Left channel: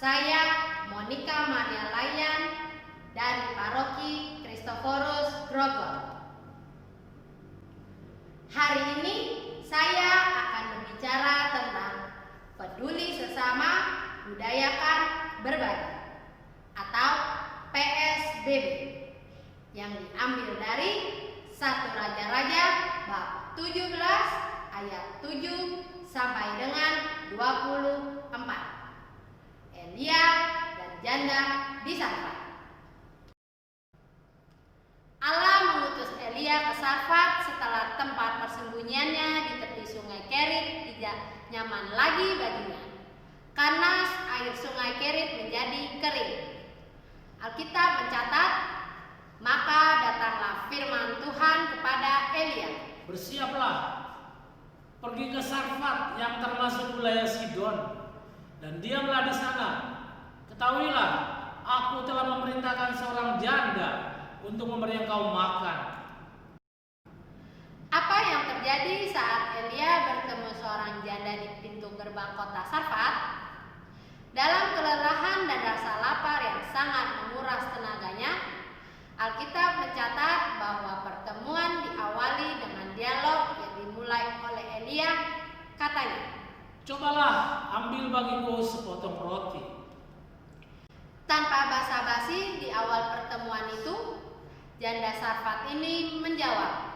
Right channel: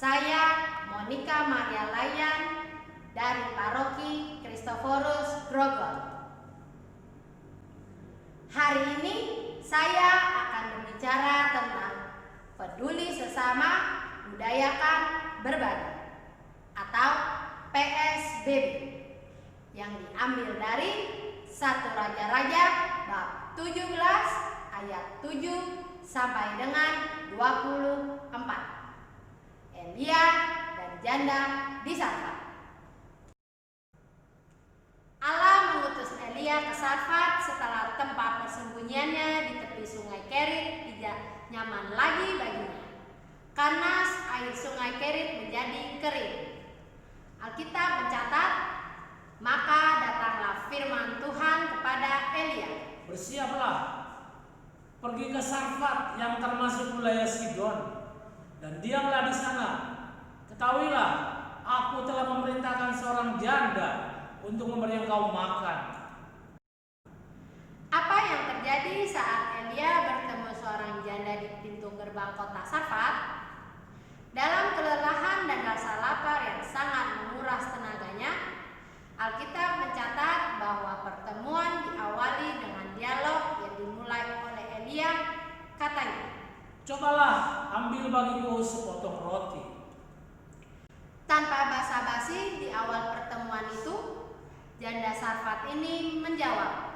Saya Monica Maria Layan dari Paroki Kristoforus Grogol. Hari ini saya akan berbicara tentang peduli sesama, budayakan berbagi atau PSBB yang diambil dari 1 Raja-Raja bab 17 ayat 7 sampai dengan 24. Elia dan janda di Sarfat. Allah mengutus Elia ke Sarfat setelah tempat persembunyiannya di tepi sungai Kerit tidak nyaman lagi baginya, karena air sungai Kerit menjadi kering. Alkitab mencatat, maka datanglah firman Tuhan kepada Elia. Bersiaplah, pergi ke Sarfat yang termasuk wilayah Sidon, dan diamlah di sana. Ketahuilah, aku telah memerintahkan seorang janda untuk memberi engkau makan. Apa yang terjadi saat Elia bertemu seorang janda di pintu gerbang kota Sarfat? Dalam kelelahan dan rasa lapar yang sangat menguras tenaganya, Alkitab mencatat bahwa pertemuan diawali dengan dialog yang dimulai oleh Elia. Katanya, "Cobalah ambil bagiku sepotong roti." Tanpa basa-basi di awal pertemuan itu, janda Sarfat ini menjawab,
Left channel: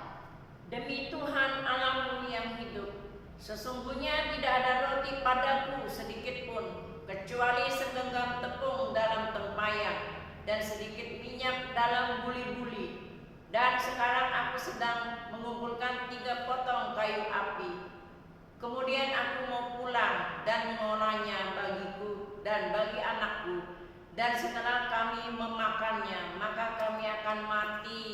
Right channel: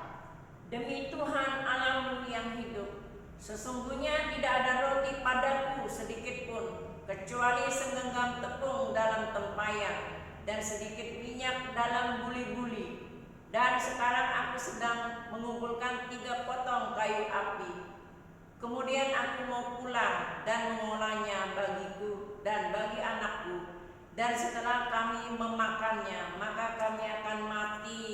"Demi Tuhan Allahmu yang hidup, sesungguhnya tidak ada roti padaku sedikit pun, kecuali segenggam tepung dalam tempayan dan sedikit minyak dalam buli-buli. Dan sekarang aku sedang mengumpulkan 3 potong kayu api. Kemudian aku mau pulang dan mengolahnya bagiku dan bagi anakku. Dan setelah kami memakannya, maka kami akan mati."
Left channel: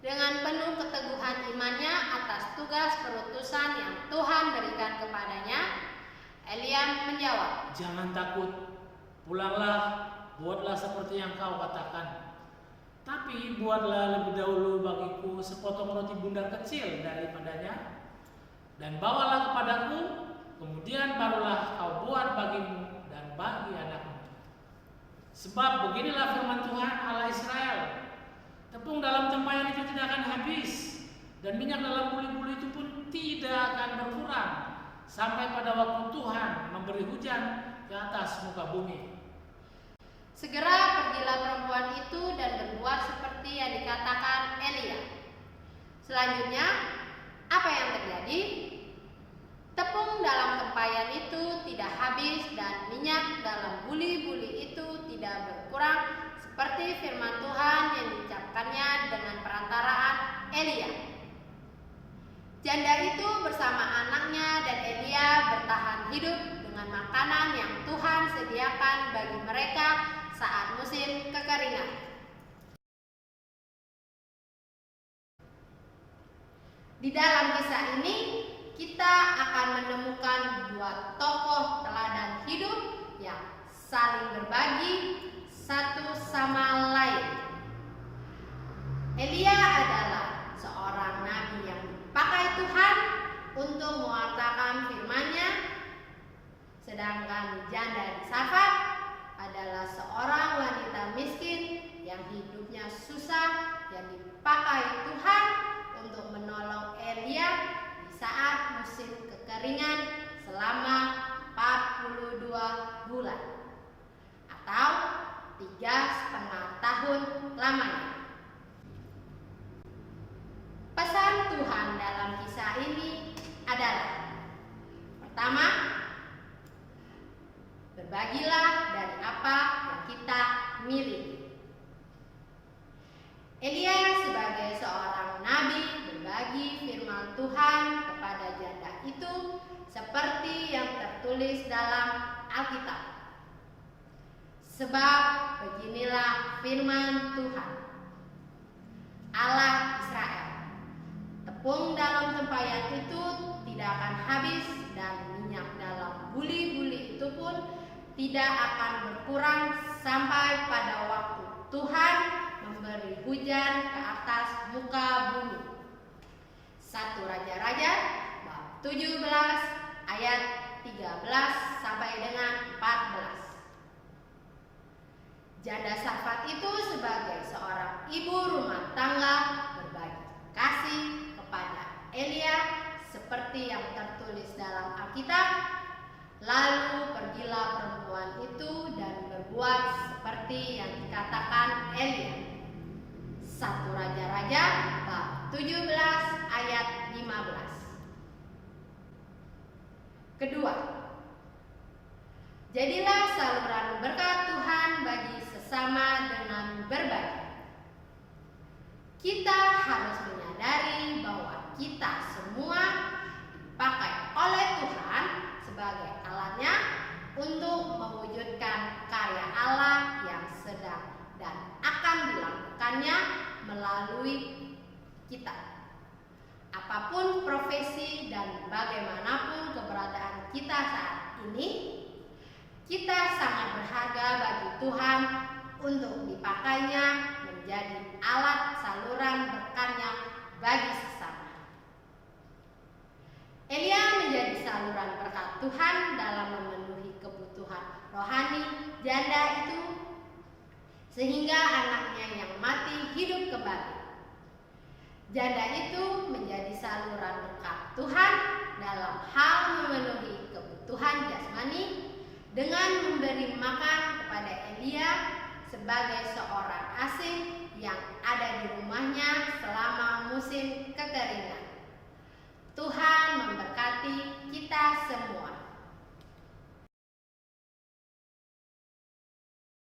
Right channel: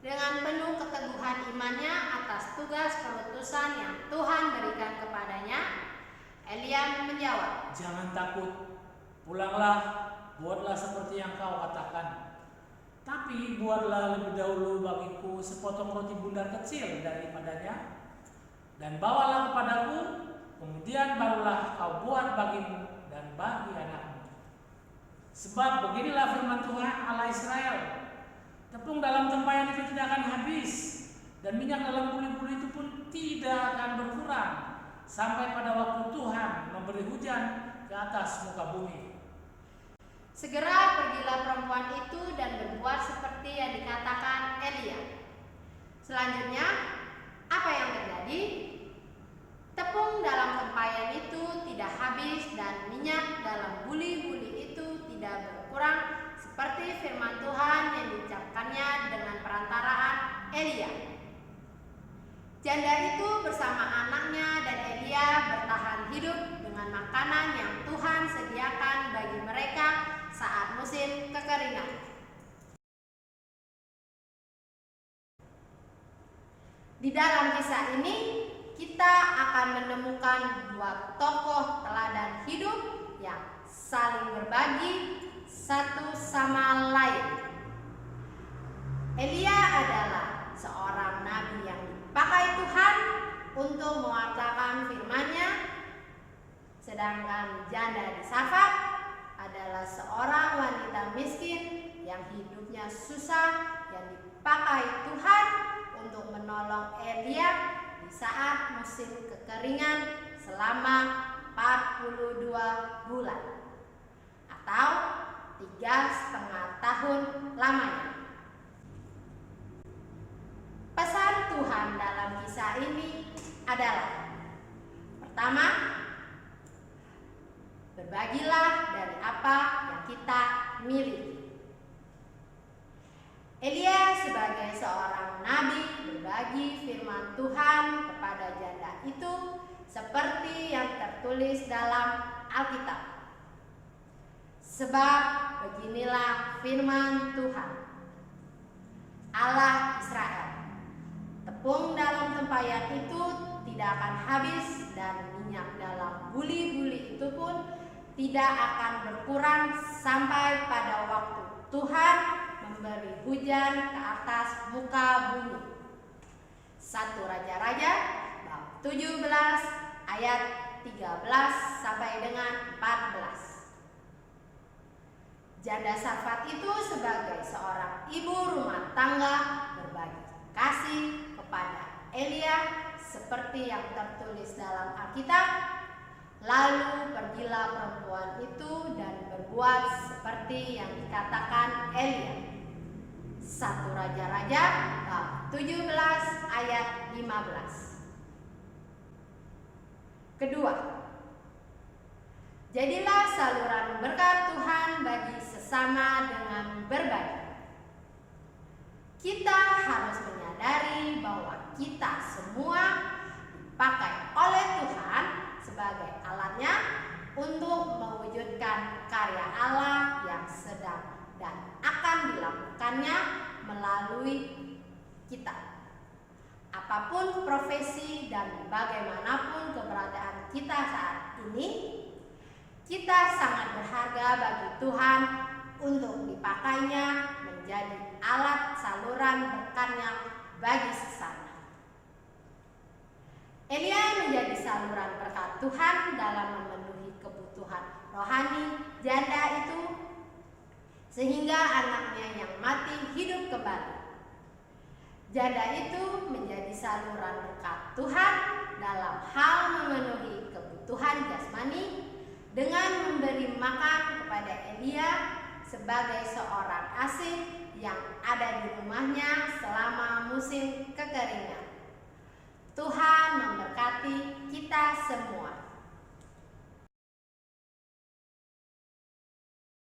Dengan penuh keteguhan imannya atas tugas perutusan yang Tuhan berikan kepadanya, Elia menjawab, "Jangan takut, pulanglah, buatlah seperti yang kau katakan. Tapi buatlah lebih dahulu bagiku sepotong roti bundar kecil daripadanya, dan bawalah kepadaku, kemudian barulah kau buat bagimu dan bagi anakmu. Sebab beginilah firman Tuhan Allah Israel, tepung dalam tempayan itu tidak akan habis, dan minyak dalam buli-buli itu pun tidak akan berkurang, sampai pada waktu Tuhan memberi hujan ke atas muka bumi." Segera pergilah perempuan itu dan berbuat seperti yang dikatakan Elia. Selanjutnya, apa yang terjadi? Tepung dalam tempayan itu tidak habis dan minyak dalam buli-buli itu tidak berkurang, seperti firman Tuhan yang diucapkannya dengan perantaraan Elia. Janda itu bersama anaknya dan Elia bertahan hidup dengan makanan yang Tuhan sediakan bagi mereka saat musim kekeringan. Di dalam kisah ini, kita akan menemukan 2 tokoh teladan hidup yang saling berbagi satu sama lain. Elia adalah seorang nabi yang dipakai Tuhan untuk mewartakan firman-Nya, sedangkan janda di Sarfat adalah seorang wanita miskin yang hidupnya susah yang dipakai Tuhan untuk menolong Elia di saat musim kekeringan selama 42 bulan atau 3,5 tahun lamanya. Pesan Tuhan dalam kisah ini adalah, pertama, berbagilah dari apa yang kita miliki. Elia sebagai seorang nabi berbagi firman Tuhan kepada janda itu seperti yang tertulis dalam Alkitab. Sebab beginilah firman Tuhan Allah Israel, tepung dalam tempayan itu tidak akan habis dan minyak dalam buli-buli itu pun tidak akan berkurang sampai pada waktu Tuhan memberi hujan ke atas muka bumi. 1 Raja-Raja bab 17 ayat 13 sampai dengan 14. Janda Sarfat itu sebagai seorang ibu rumah tangga berbagi kasih kepada Elia seperti yang tertulis dalam Alkitab. Lalu pergilah perempuan itu dan berbuat seperti yang dikatakan Elia. 1 Raja-Raja bab 17 ayat 15. Kedua, jadilah saluran berkat Tuhan bagi sesama dengan berbagi. Kita harus menyadari bahwa kita semua dipakai oleh Tuhan sebagai alatnya untuk mewujudkan karya Allah yang sedang dan akan dilakukannya melalui kita. Apapun profesi dan bagaimanapun keberadaan kita saat ini, kita sangat berharga bagi Tuhan untuk dipakainya menjadi alat saluran berkatnya bagi sesama. Elia menjadi saluran berkat Tuhan dalam memenuhi kebutuhan rohani janda itu, sehingga anaknya yang mati hidup kembali. Janda itu menjadi saluran berkat Tuhan dalam hal memenuhi kebutuhan jasmani dengan memberi makan kepada Elia sebagai seorang asing yang ada di rumahnya selama musim kekeringan. Tuhan memberkati kita semua.